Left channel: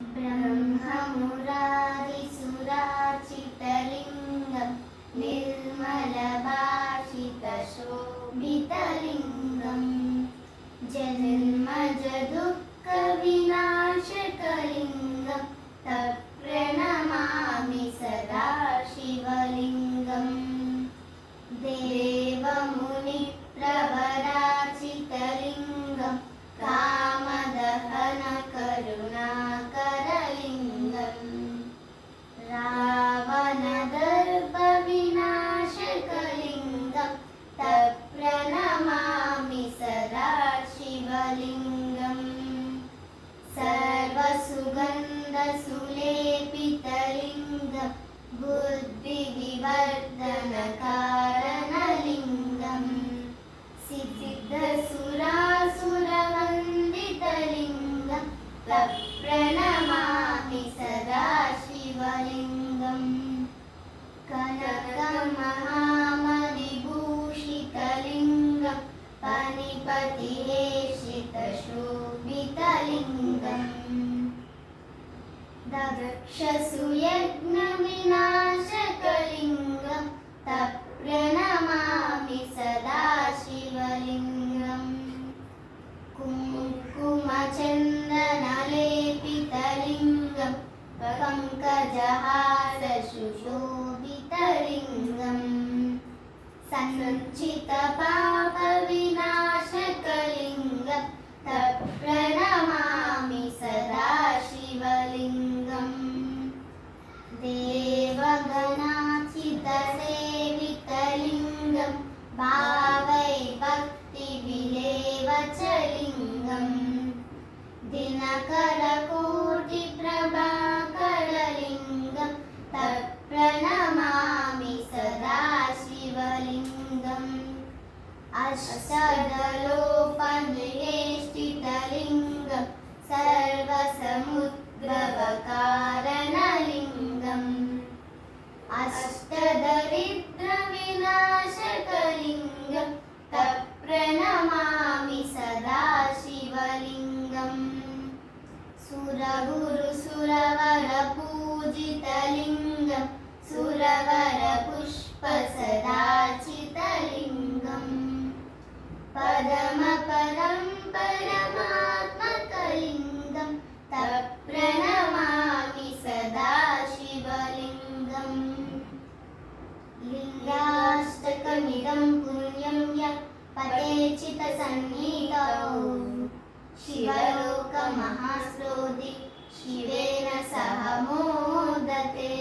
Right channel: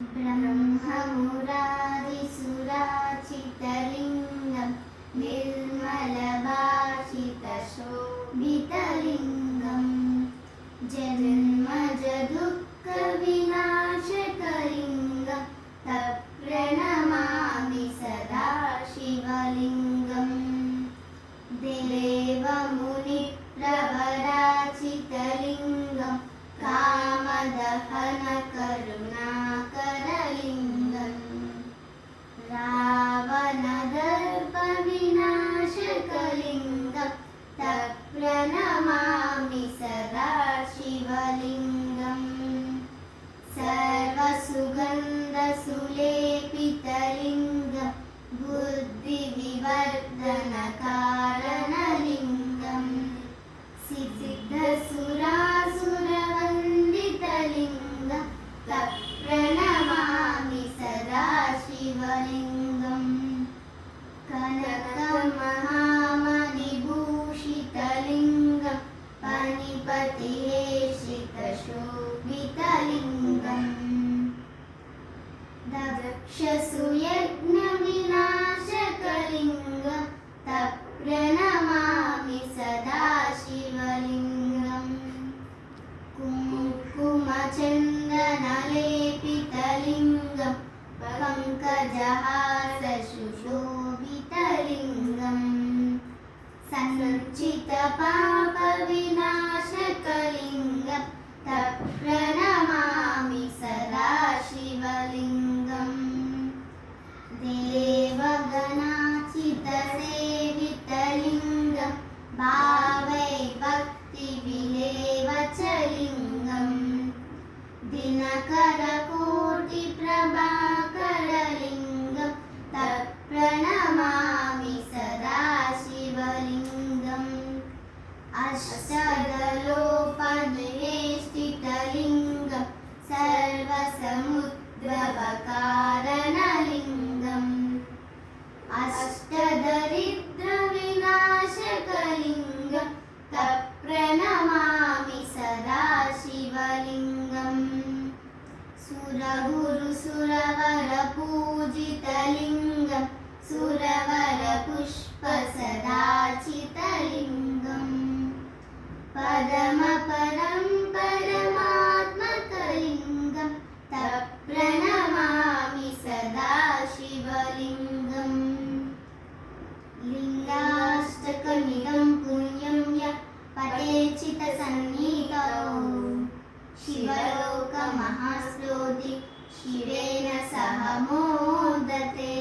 ब्रह्ममुरारिसुराचितलिङ्गं निर्मलभाषितशोभितलिङ्गं जन्मजदुःखविनाशकलिङ्गं तत्प्रणमामि सदा शिवलिङ्गम् देवमुनिप्रवराचितलिङ्गं कामदहनकरुणाकरलिङ्गं रावणदर्पविनाशकलिङ्गं तत्प्रणमामि सदा शिवलिङ्गम् सर्वसुगन्धसुलेपितलिङ्गं बुद्धिविवर्धनकारणलिङ्गं सिद्धिसुरासुरवन्दितलिङ्गं तत्प्रणमामि सदा शिवलिङ्गम् कनकमहामणिभूषितलिङ्गं पणिपतिहेषितशोभितलिङ्गं दक्षसुयज्ञविनाशकलिङ्गं तत्प्रणमामि सदा शिवलिङ्गम् कुङ्कुमचन्दनलेपितलिङ्गं पङ्कजहासशुशोभितलिङ्गं सञ्चितपापविनाशकलिङ्गं तत्प्रणमामि सदा शिवलिङ्गम् देवगणाचितसेवितलिङ्गं भावै भक्तिविलेवचलिङ्गं दिनकरकोटिप्रभाकरलिङ्गं तत्प्रणमामि सदा शिवलिङ्गम् अष्टदलोपनिवेष्टितलिङ्गं सर्वसमुद्भवकारणलिङ्गं अष्टदरिद्रविनाशकलिङ्गं तत्प्रणमामि सदा शिवलिङ्गम् सुरगुरुसुरवरपूजितलिङ्गं सुरवरपुष्पसदाचितलिङ्गं परमपरं परमात्मकलिङ्गं तत्प्रणमामि सदा शिवलिङ्गम् लिङ्गाष्टकमिदं पुण्यं यः पठेचितसन्निधौ शिवलोकमहास्रोति शिवेन सह मोदते।